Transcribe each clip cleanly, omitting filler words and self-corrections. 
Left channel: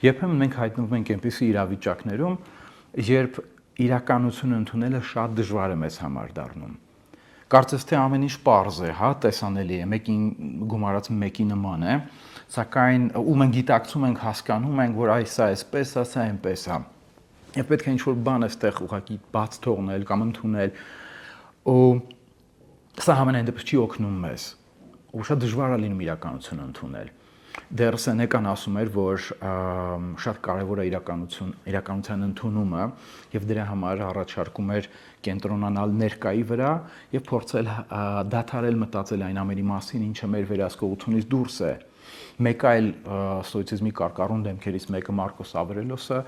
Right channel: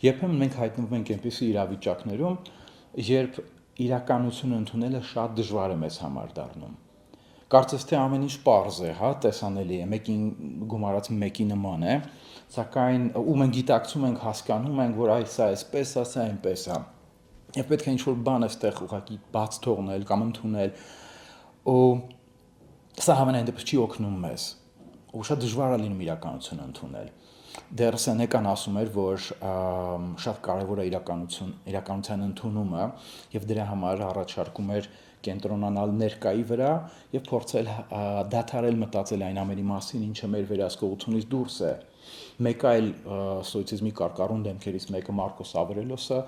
Երբեմն մենք հայտնվում ենք այնպիսի իրավիճակներում, երբ իրականությունը ընդունելը շատ դժվար է մեզ համար դառնում։ Կարծես թե ամեն ինչ պարզ է, հա, տեսանելի է, մեկին գումարած մեկի նման է, սակայն ու մենք գիտակցում ենք, հասկանում ենք, որ այս սա էսպես է, սա այնպես է։ Եվ պետք է ինչ-որ բան այստեղ ուղղակի բաց թողնել կամ ընդունել, ու սա համենայն դեպս չի օգնում մեզ, ու շատ դժվար է լինում իրականությունը ընդունել։ Դեռ Սենեկան ասում էր, որ շատ կարևոր է իրականության ընդունումը եւ դրա համար առաջարկում էր կենտրոնանալ ներկայի վրա եւ փորձել դադարել մտածել այն ամենի մասին, ինչը մեր վերահսկողությունից դուրս է։ Մեկ այլ ստոիցիզմի կարկառուն դեմքերից մեկը Մարկոս Ավրելիոսը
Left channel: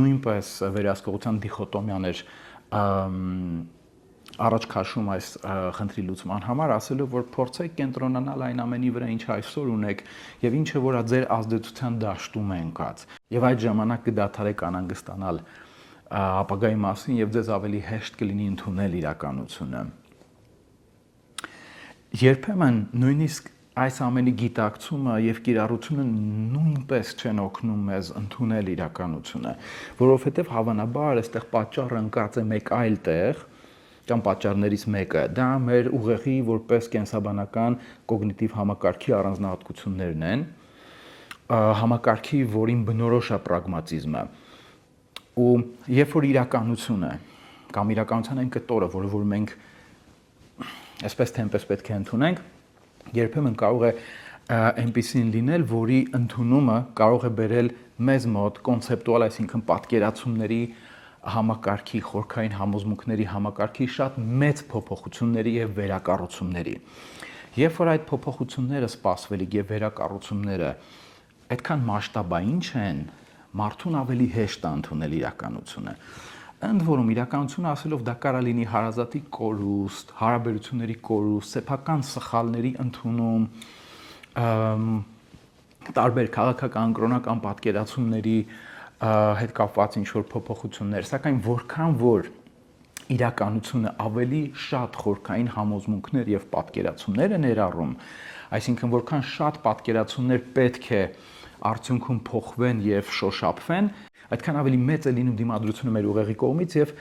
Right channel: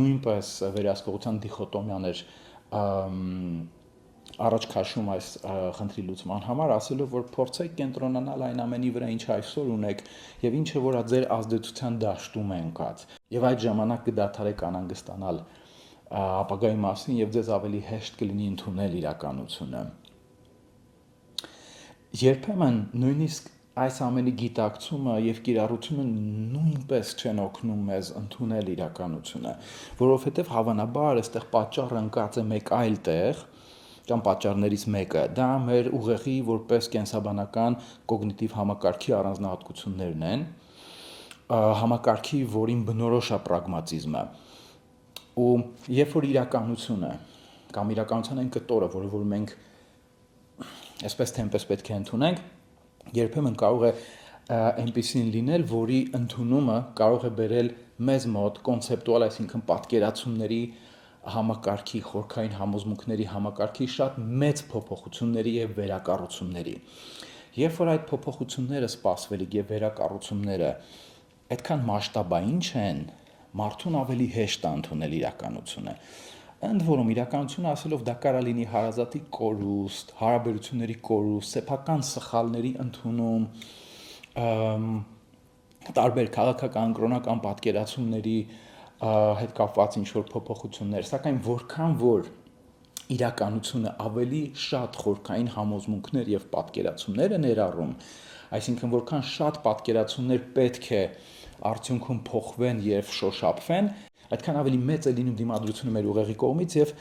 նույնպես վերահսկողության դիխոտոմիան էր առաջ քաշում այս խնդրի լուծման համար, ասելով, որ փորձեք կենտրոնանալ այն ամենի վրա, ինչ այսօր ունեք եւ ինչը որը ձեր ազդեցության դաշտում է ընկած։ Եվ այդ ժամանակ կդադարեք անհանգստանալ ապագայի մասին եւ ձեզ ավելի հեշտ կլինի ընդունել իրականությունը։ Երբեմն նույնիսկ այս ամենի գիտակցումը եւ կիրառությունը նույնպես չեն օգնում մեզ ընդունել իրականությունը, որովհետեւ հավանաբար այստեղ պատճառը ընկած է մեկ այլ տեղ կամ պատճառներից մեկը, դա մեր ուղեղի որպես կենսաբանական կոգնիտիվ համակարգի առանձնահատկություններն են, համակարգի, որին բնորոշ է պրագմատիզմը։ Ու երբ որ իրականությունը կամ իրականության այն կտորը, որը որ մենք այսպես թե այնպես պետք է ընդունենք, երբեմն կարող է այնպիսին լինել, որի ընդունումը կարող է բերել մեզ մոտ կոնցեպտուալ, այսինքն պատկերացումների համակարգի, խորքային համոզմունքների համակարգի շատ մեծ փոփոխությունների եւ վերակառուցումների։ Երբ որ այդ փոփոխությունները սպասվելիք եւ վերակառուցումները այդքան մասշտաբային չեն, մարդուն ավելի հեշտ է ընդունել իրականությունը։ Ընդ որում իրականությունը ասելով դա կարա լինի հարազատի կորուստ, հարաբերությունների կորուստ, սեփական սխալների ընդունում, տարբեր քաղաքական, կրոնական պատկերացումների հետ կապված ինչ-որ փոփոխություններ, սակայն որքան որ իրականությունը ավելի շատ խորքային համոզմունքներ եւ պատկերացումներ է ներառում, այսինքն որքան շատ պատկերացումներ պետք է արդյունքում փոխվեն եւ շոշափվեն, այդքան ավելի մեծ է լինում դիմադրությունը մեր ուղեղի կողմից եւ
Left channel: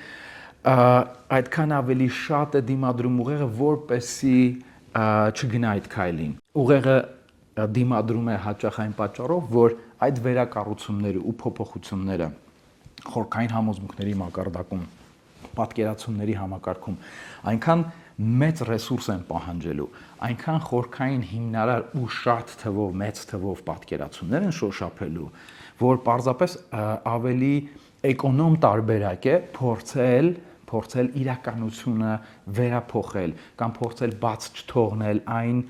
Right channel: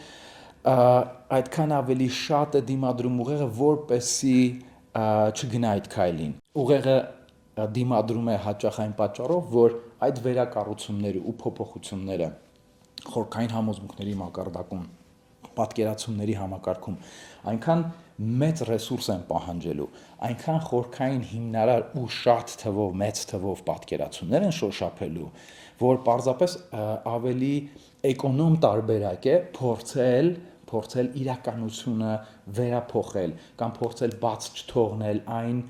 այդքան ավելի շատ է դիմադրում ուղեղը, որպեսզի չգնա այդ քայլին։ Ուղեղը դիմադրում է հաճախ այն պատճառով, որ այդ վերակառուցումները ու փոփոխությունները խորքային համոզմունքների մակարդակում, պատկերացումների համակարգում այնքան մեծ ռեսուրս են պահանջելու, այնքան խորքային հիմնարար ու շատ թվով, մեծ թվով պատկերացումներ են շոշափելու, որ պարզապես ավելի էկոնոմ տարբերակ է փորձել իրականությունը վերափոխել կամ փորձել բաց չթողնել այն,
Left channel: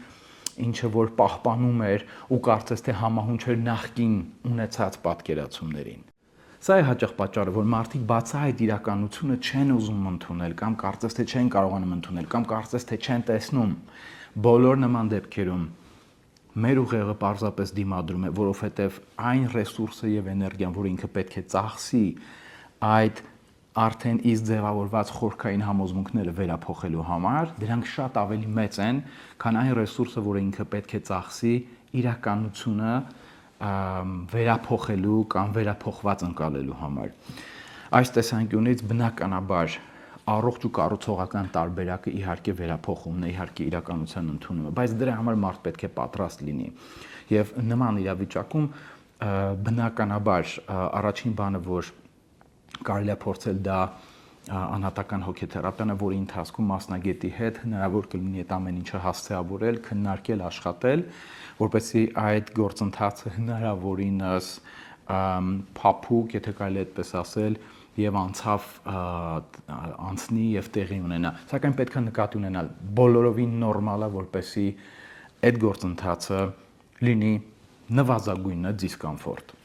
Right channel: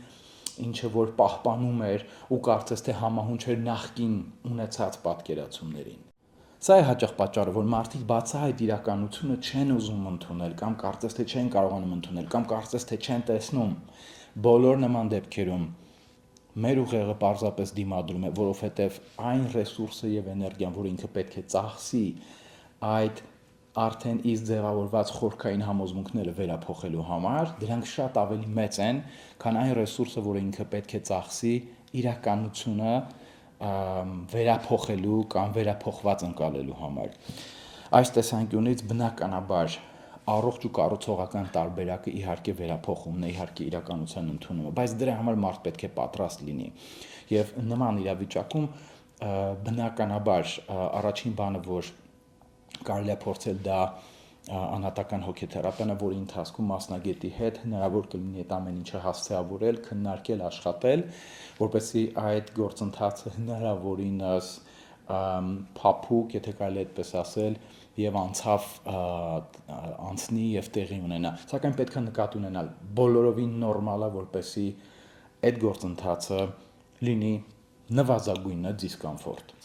ինչը որ պահպանում էր ու կարծես թե համահունչ էր նախկին ունեցած պատկերացումներին։ Սա է հաճախ պատճառը, որ մարդիկ բացահայտ իրականությունը չեն ուզում ընդունել կամ կարծես թե չեն կարողանում ընդունել կամ կարծես թե չեն տեսնում։ Բոլոր նման դեպքերում մեր ուղեղը պարզապես դիմադրում է, որովհետև այն ռեսուրսը եւ էներգիան, որը ինքը պետք է ծախսի այդ արդեն իսկ ձևավորված խորքային համոզմունքները վերափոխելու համար, դրանք շատ ավելի մեծ են, քան այն ռեսուրսը, որը ինքը պետք է ծախսի իրականությունը վերափոխելու կամ վերափոխված ընկալելու համար։ Այս տեսանկյունից բնականաբար առողջ ու կառուցողական տարբերակը իհարկե վերափոխումն է, իհարկե իրականության ընդունումը, բայց դրա համար մարդ պետք է պատրաստ լինի։ Եվ նման իրավիճակում բնականաբար առաջին բանը, որ կարելի է փորձել դա անհատական հոգեթերապիան է, որի ընթացքում մասնագետի հետ հնարավոր կլինի այդ ամեն ինչը հասցեավորել, քննարկել, աշխատել, որպեսզի այդ գործընթացը հնարավորինս փափուկ, եթե կարելի այդպես ասել, եւ անցնի եւ տեղի ունենա։ Սակայն պետք է նկատի ունենալ բոլորովին նորմալ է, որպեսզի այդ գործընթացը լինի նվազագույնը դիսկոմֆորտ։